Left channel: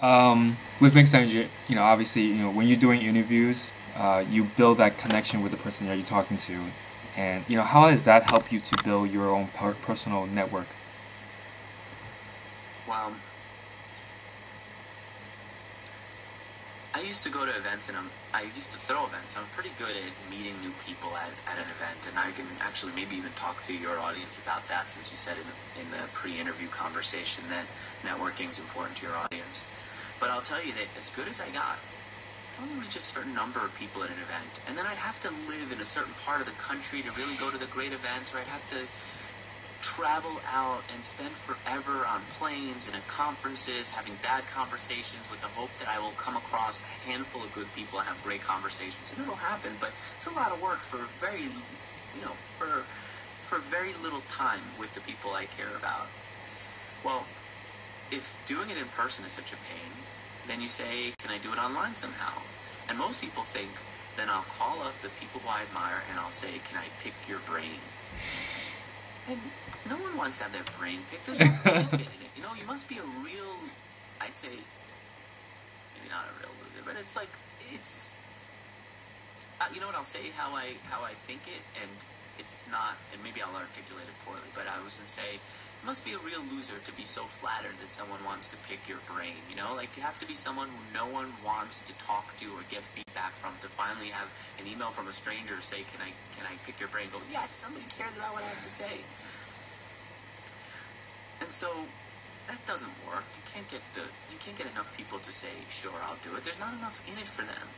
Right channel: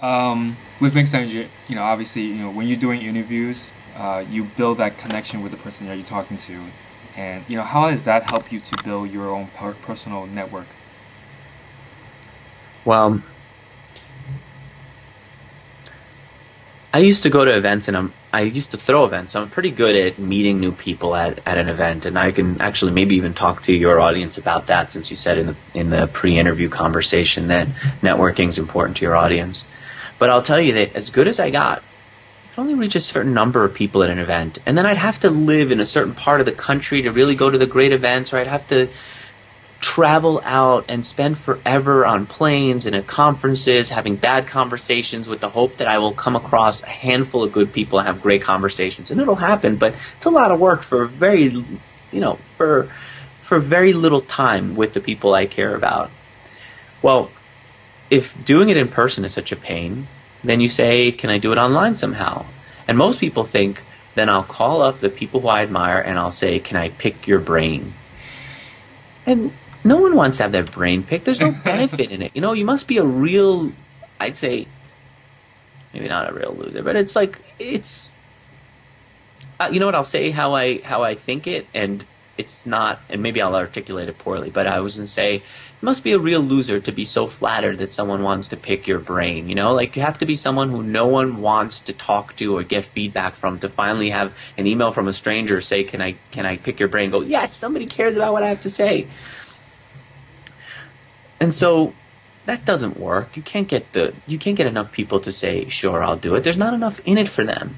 With Mixergy, obviously, when you're doing interviews, you build that connection with the person that you're talking to, and how does that help you to build your own personal network? Well, I used to go to events and I used to throw events. So I'm pretty good at meeting new people at an event, and I can actually maybe even talk to your audience about that, since you said in the pre-interview conversation that networking is important to your audience. But I'll tell you that as good as I got, I could only reach a certain number of people at an event, and then I'd have to live in a certain part of the country to really go to the great events, or I'd have to travel out and spend forever on planes and at conferences having bad conversations with the hope that I will come across a handful of good people and have great conversations. And it'll happen, but it's a lot of work for very little time with the people I care about. Well, if doing it in person is such a pain, then you say, can I do it online somehow? And most people think, then I'll call up the people who I admire and I'll say, can I pick your brain? And no one wants to have their brain picked. There's no benefit in it. You must be a real, I'd say, maybe not a real loser, but you know what, I'll say how I think it, and it's not, and maybe I'll articulate it poorly, but I was going to say, you must be a real loser to be so flattered that someone wants to pick your brain. Like, you have to be someone who no one wants to talk to or get feedback from to finally have an email from a stranger say, can I pick your brain? Go, yes, somebody cares about what I have to say. And so that doesn't work. You can't get enough people to say, sure, I'll do it. There's not enough in it for them.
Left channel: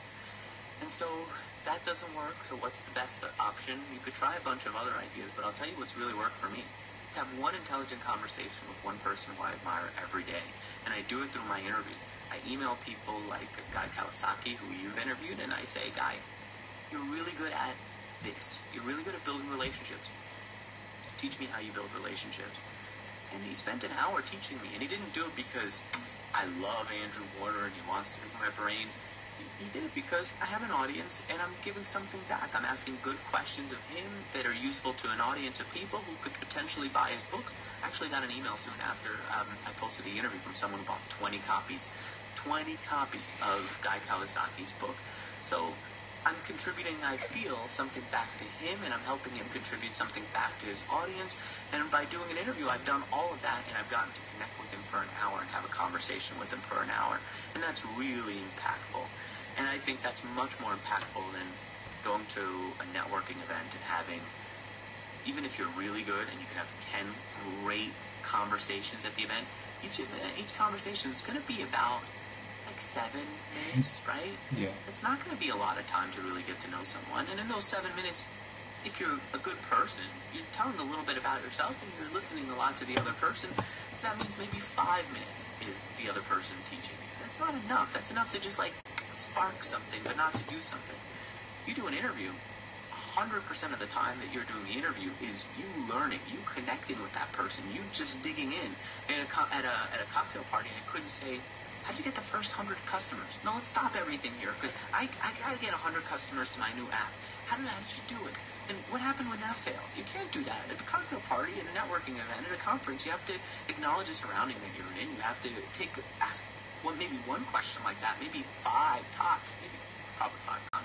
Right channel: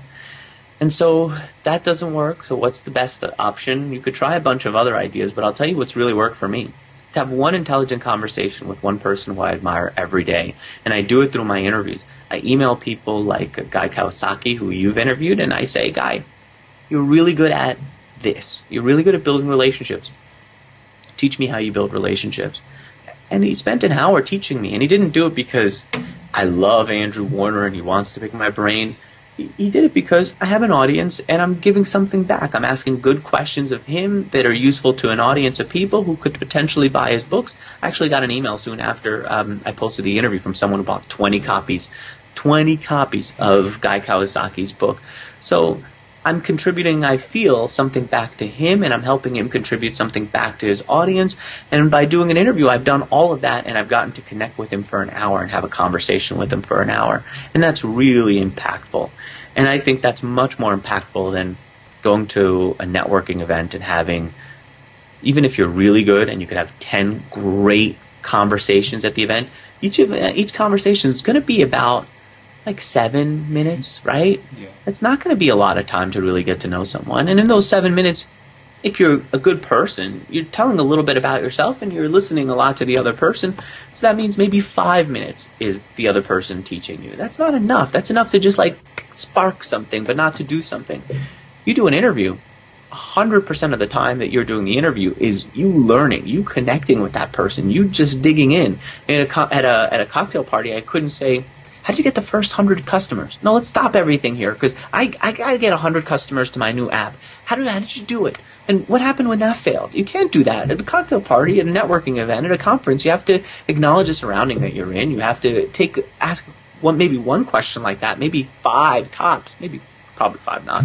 And so that doesn't work. So what's the best option? You could try a bunch of other ideas, but I'll tell you what's really worked for me. To have one intelligent conversation with one person who I admire every day. And I do it through my interviews. I email people like Guy Kawasaki, who you've interviewed, and I say, Guy, you're really good at this. You're really good at building relationships. Teach me how you build relationships. And he spent an hour teaching me, and he didn't do it because I love Andrew Warner and he wants to pick my brain. He did it because I have an audience and I'm giving something back. I'm asking good questions of him that are useful to an audience of people who could potentially buy his books. I actually got an email soon after I posted the interview from someone who bought 20 copies of Guy Kawasaki's book. So I'm contributing, I feel, something back to him, and I'm helping him contribute something back to his audience. And by doing an interview, I've done all of that, and I've gotten to connect with him for an hour and have a conversation with him for an hour. And that's really impactful. And I think that's much more impactful than going to a networking event and having, even if you're really good and you could have 10 great conversations at the event, each conversation is going to be about like 7 minutes, right? Yeah. It's not going to be a lot of time to really get to know someone. And in those 7 minutes, if you're a good person, you're telling a little bit about yourself and you're listening a lot to the other person. So that means maybe 5 minutes is the other person teaching you. That's not enough. That's enough to just like spark something, but not to do something. You do an interview, 100% of the time that you're doing the interview is you learning, you connecting with that person, you just digging in. At a cocktail party, I couldn't say, how did you get the first 100 customers? No, let's stop everything here, because I got to get 100 customers to my new app. How did you do it? And what happened when that failed? You can't do that. At a cocktail party, at a networking event, at a conference, you have to acknowledge the surrounding that you're in. You have to ask maybe one question like that, maybe 5 tops, probably 5 not.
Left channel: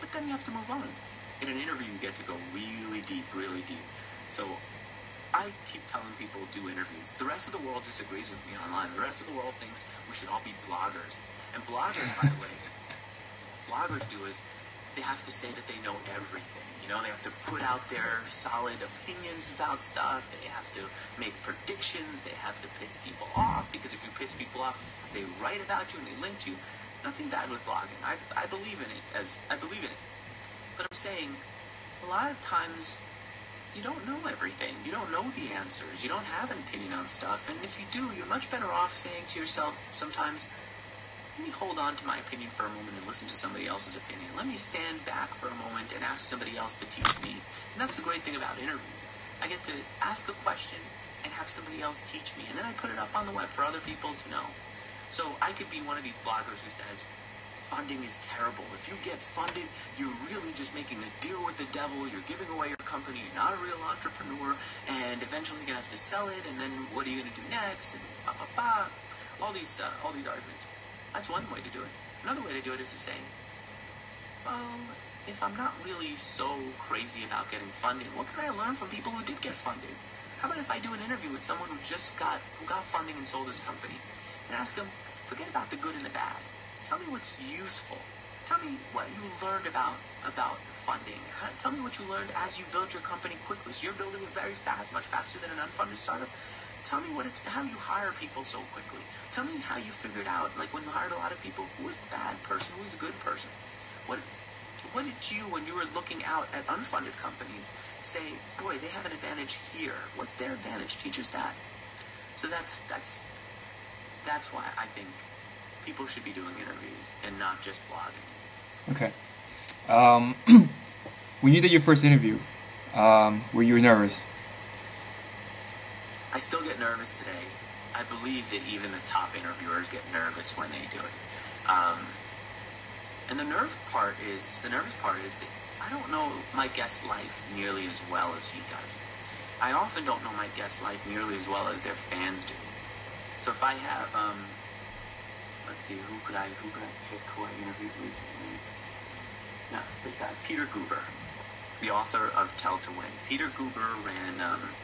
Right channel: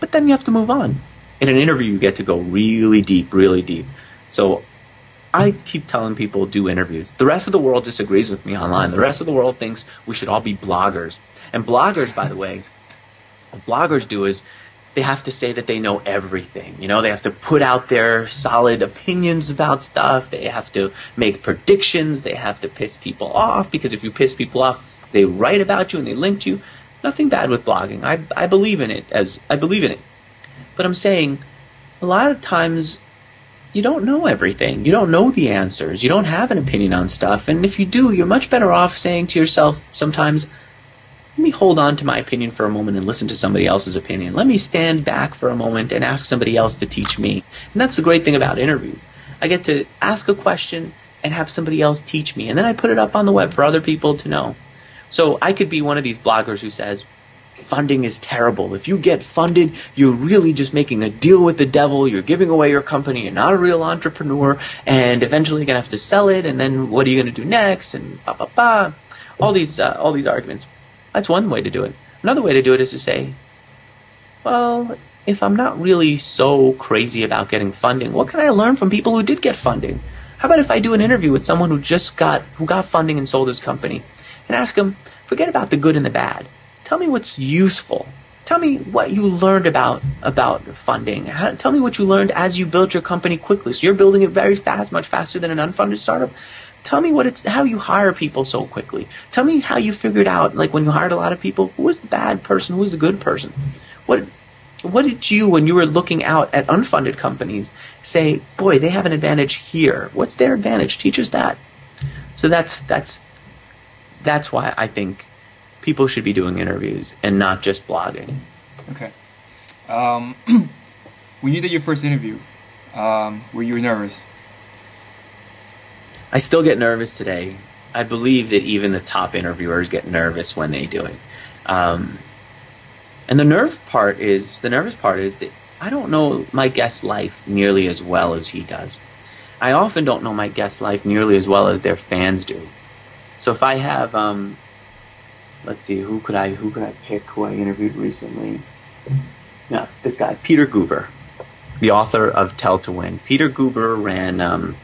But then you have to move on. In an interview, you get to go really deep, really deep. So I keep telling people do interviews. The rest of the world disagrees with me online. The rest of the world thinks we should all be bloggers. And bloggers, by the way, what bloggers do is they have to say that they know everything. They have to put out their solid opinions about stuff. They have to make predictions. They have to piss people off, because if you piss people off, they write about you and they link to you. Nothing bad with blogging. I believe in it. But I'm saying a lot of times you don't know everything. You don't know the answers. You don't have an opinion on stuff. And if you do, you're much better off saying to yourself sometimes, let me hold on to my opinion for a moment and listen to somebody else's opinion. Let me stand back for a moment and ask somebody else to teach me. And that's the great thing about interviews. I get to ask a question and have somebody else teach me. And then I put it up on the web for other people to know. So I could be one of these bloggers who says, funding is terrible. If you get funded, you're really just making a deal with the devil. You're giving away your company. You're not a real entrepreneur. And eventually you're going to have to sell it. And then what are you going to do next? And all these arguments. That's one way to do it. Another way to do it is to say, well, if I'm not really so crazy about getting funding, what can I learn from people who did get funding? How about if I do an interview with someone who got funding and sold his company, and ask them, forget about the good and the bad. Tell me what's useful. Tell me what you learned about funding. Tell me what you learned as you build your company quickly. So you're building it very fast, much faster than an unfunded startup. Tell me how you hire people so quickly. Tell me how you figured out, like when you hired a lot of people, who was the bad person, who was the good person. What did you, when you were looking out at unfunded companies, say, boy, they have an advantage here. What's their advantage? Teach us that. So that's why I think people should be doing interviews and not just blogging. Okay. When you did your first interview, were you nervous? I still get nervous today. I believe that even the top interviewers get nervous when they do it. And the nervous part is that I don't know my guest's life nearly as well as he does. I often don't know my guest's life nearly as well as their fans do. So if I have, let's see, who could I pick who I interviewed recently? No, this guy, Peter Guber, the author of Tell to Win. Peter Guber ran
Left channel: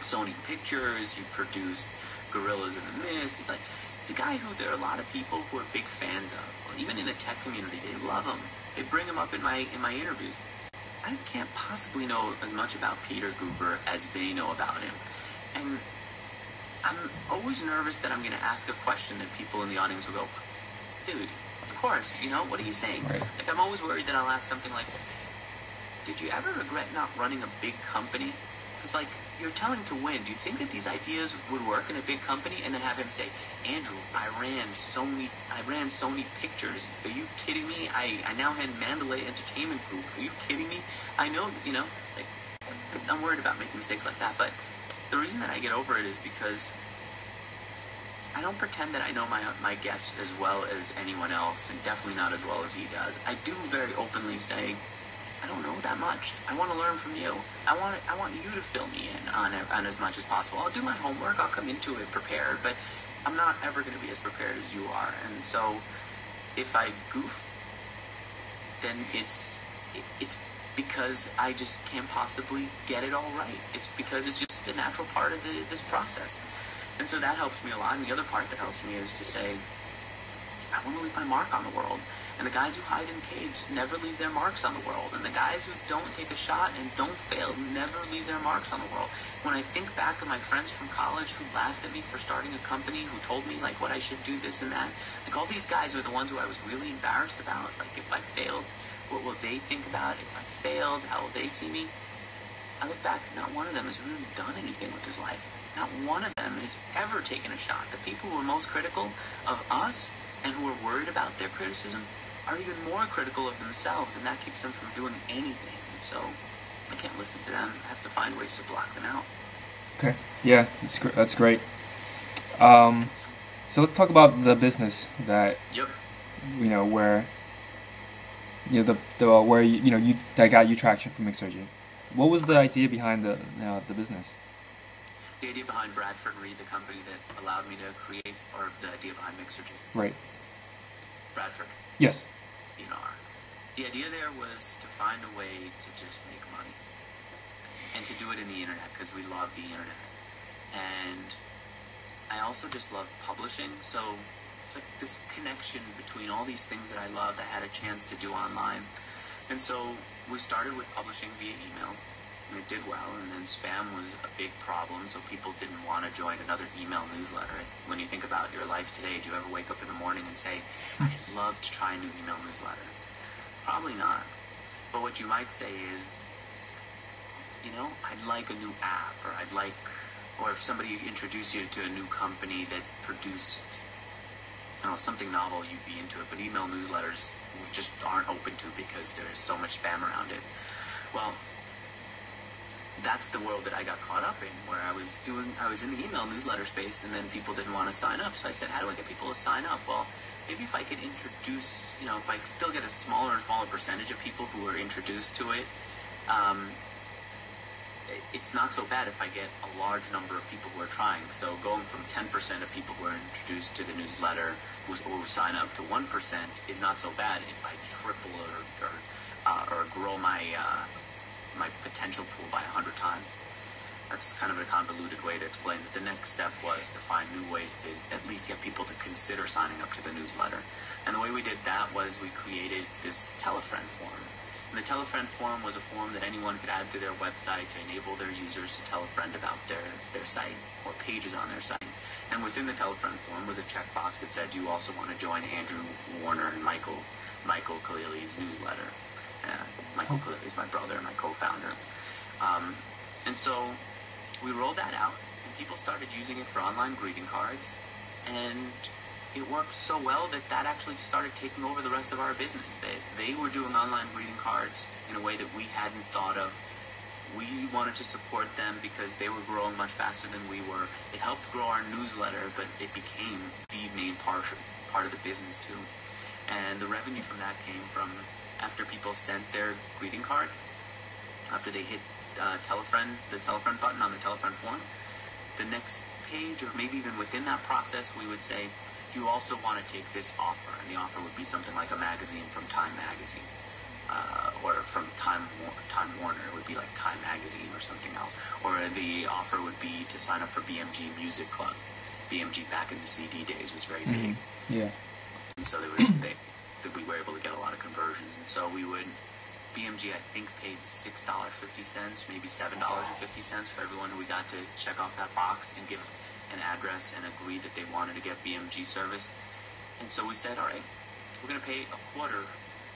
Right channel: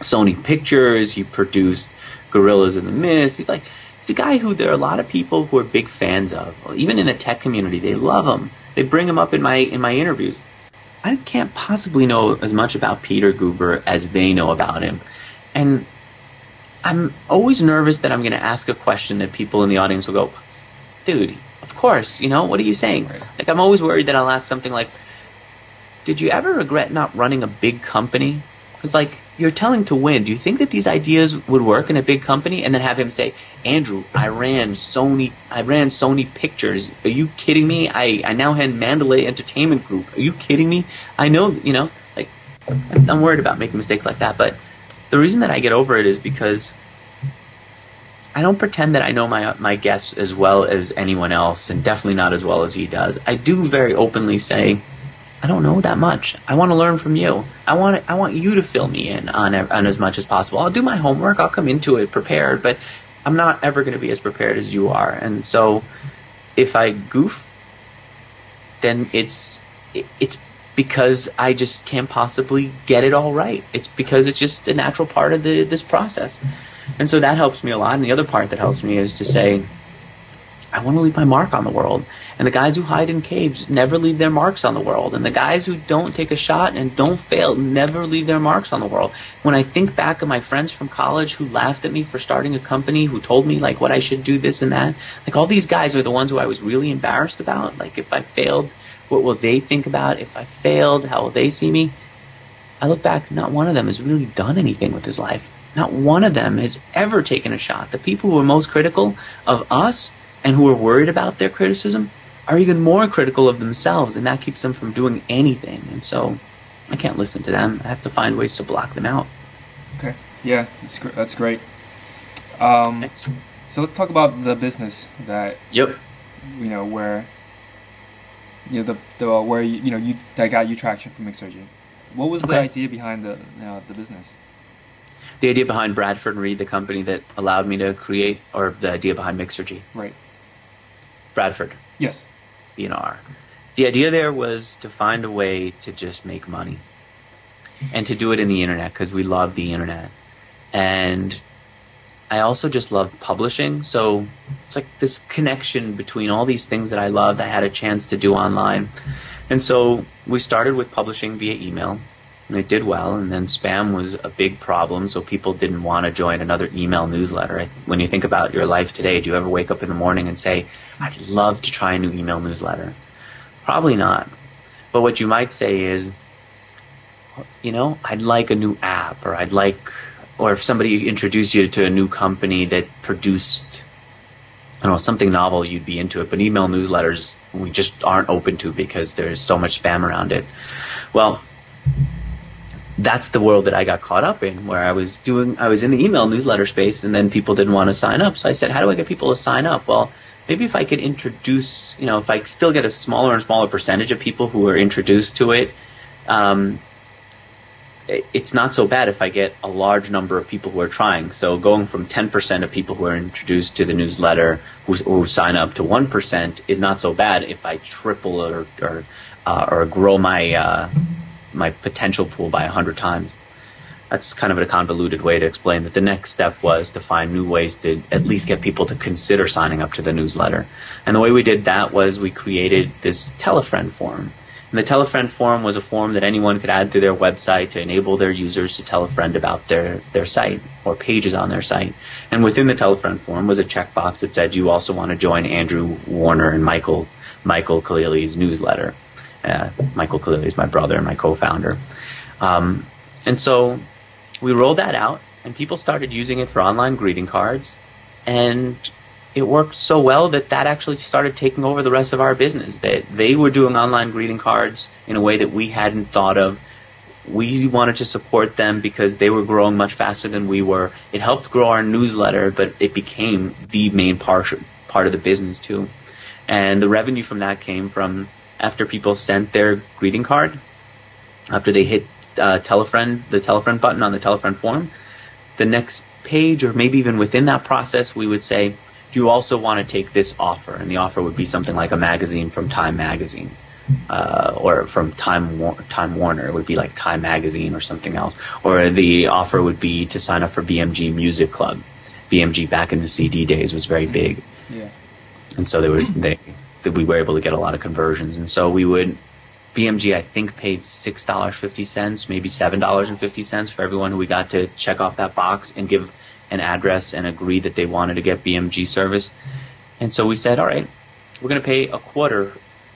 Sony Pictures. He produced Gorillas in the Mist. He's a guy who there are a lot of people who are big fans of. Even in the tech community, they love him. They bring him up in my interviews. I can't possibly know as much about Peter Guber as they know about him. And I'm always nervous that I'm going to ask a question that people in the audience will go, dude, of course, what are you saying? Right. Like, I'm always worried that I'll ask something like, did you ever regret not running a big company? Because, like, you're telling to win. Do you think that these ideas would work in a big company? And then have him say, Andrew, I ran Sony Pictures. Are you kidding me? I now had Mandalay Entertainment Group. Are you kidding me? I know, like, I'm worried about making mistakes like that. But the reason that I get over it is because I don't pretend that I know my guests as well as anyone else, and definitely not as well as he does. I do very openly say, I don't know that much. I want to learn from you. I want you to fill me in on as much as possible. I'll do my homework. I'll come into it prepared, but I'm not ever going to be as prepared as you are. And so if I goof, then it's because I just can't possibly get it all right. It's because it's just a natural part of this process. And so that helps me a lot. And the other part that helps me is to say, I want to leave my mark on the world. And the guys who hide in caves never leave their marks on the world. And the guys who don't take a shot and don't fail never leave their marks on the world. When I think back of my friends from college who laughed at me for starting a company, who told me like what I should do, this and that, like all these guys are the ones who I was really embarrassed about. Like if I failed, what will they think about? If I failed, how will they see me? I look back, not one of them has really done anything with his life. Not one of them has ever taken a shot. The people who are most critical of us and who are worried about their criticism are even more critical of themselves, and that keeps them from doing anything. And so I can't listen to them. I have to find ways to block them out. Okay. Yeah, that's great. So let's talk about the business that where that got you traction from Mixergy. What was the idea behind the business? The idea behind Bradford and Reed, the company that allowed me to create, or the idea behind Mixergy? Right. Bradford. Yes. ENR. The idea there was to find a way to just make money and to do it in the internet because we love the internet. And I also just loved publishing. So it's like this connection between all these things that I loved, I had a chance to do online. And so we started with publishing via email. And it did well, and then spam was a big problem, so people didn't want to join another email newsletter. When you think about your life today, do you ever wake up in the morning and say, I'd love to try a new email newsletter? Probably not. But what you might say is, I'd like a new app, or if somebody introduced you to a new company that produced, something novel, you'd be into it. But email newsletters, we just aren't open to because there's so much spam around it. Well, that's the world that I got caught up in, where I was in the email newsletter space, and then people didn't want to sign up. So I said, how do I get people to sign up? Well, maybe if I could introduce, if I still get a smaller and smaller percentage of people who are introduced to it, it's not so bad if I get a large number of people who are trying. So going from 10% of people who are introduced to the newsletter who sign up to 1% is not so bad if I triple or grow my potential pool by 100 times. That's kind of a convoluted way to explain that. The next step was to find new ways to at least get people to consider signing up to the newsletter. And the way we did that was we created this Tell-a-Friend form. And the Tell-a-Friend form was a form that anyone could add to their website to enable their users to tell a friend about their site or pages on their site. And within the Tell-a-Friend form was a checkbox that said you also want to join Andrew Warner and Michael Khalili's newsletter. Michael Khalili is my brother and my co-founder. And so we rolled that out, and people started using it for online greeting cards, and it worked so well that actually started taking over the rest of our business. That they were doing online greeting cards in a way that we hadn't thought of. We wanted to support them because they were growing much faster than we were. It helped grow our newsletter, but it became the main part of the business too. And the revenue from that came from after people sent their greeting card, after they hit the Tell-a-Friend button on the Tell-a-Friend form, the next page, or maybe even within that process, we would say, do you also want to take this offer? And the offer would be something like a magazine from Time Magazine, or from Time Warner. It would be like Time Magazine or something else. Or the offer would be to sign up for BMG Music Club. BMG back in the CD days was very big. Yeah. And so we were able to get a lot of conversions. And so BMG, I think, paid $6.50, maybe $7.50 for everyone who we got to check off that box and give an address and agree that they wanted to get BMG service. And so we said, all right, we're going to pay a quarter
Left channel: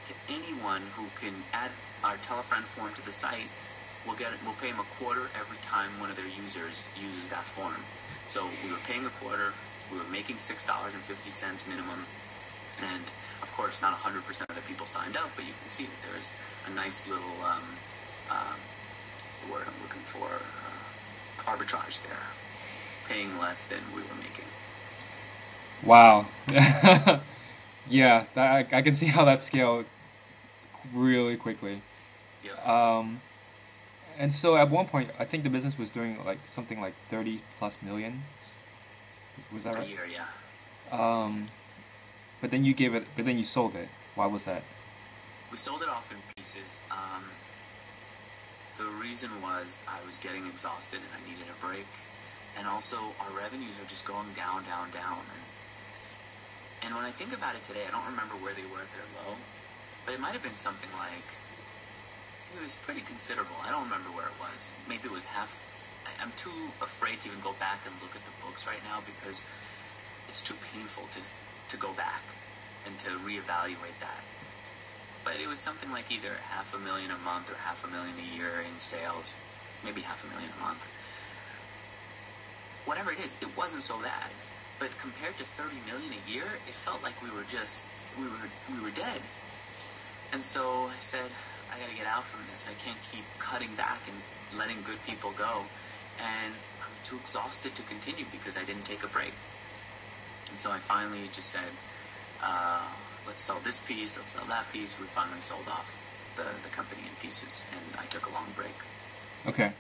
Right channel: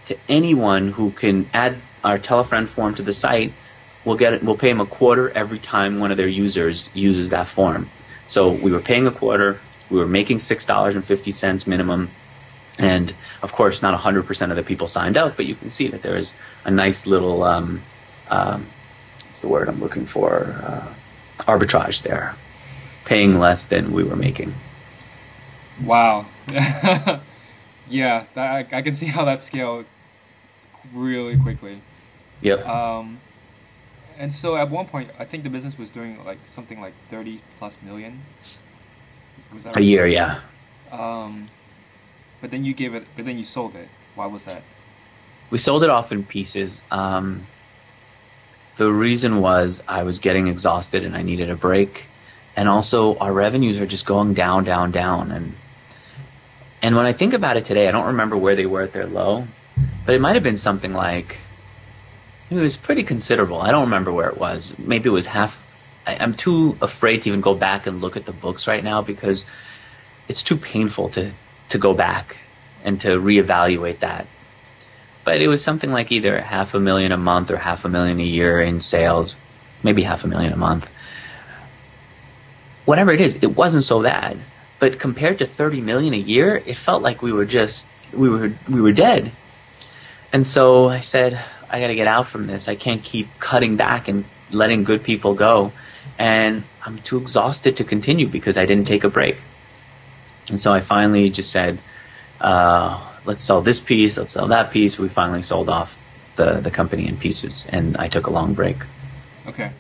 to anyone who can add our Tell-a-Friend form to the site. We'll pay them a quarter every time one of their users uses that form. So we were paying a quarter. We were making $6.50 minimum. And of course, not 100% of the people signed up, but you can see that there is a nice little, what's the word I'm looking for? Arbitrage there, paying less than we were making. Wow. Yeah, I can see how that scaled really quickly. Yep. And so at one point, I think the business was doing like something like 30 plus million. Was that a year? Yeah. But then you sold it. Why was that? We sold it off in pieces. The reason was I was getting exhausted and I needed a break. And also our revenues are just going down, down, down. And when I think about it today, I don't remember where they were at their low, but it might have been something like, it was pretty considerable. I don't remember where it was. Maybe it was half. I'm too afraid to even go back and look at the books right now because it's too painful to go back and to reevaluate that. But it was something like either $500,000 a month or $500,000 a year in sales, maybe $500,000 a month. Whatever it is, it wasn't so bad. But compared to $30 million a year, it felt like we were dead. And so I said, I got to get out from this. I can't keep cutting back and letting good people go. And I'm too exhausted to continue because I didn't take a break. And so I finally just said, let's sell this piece, let's sell that piece. We finally sold off the company in pieces, and I took a long break. Okay.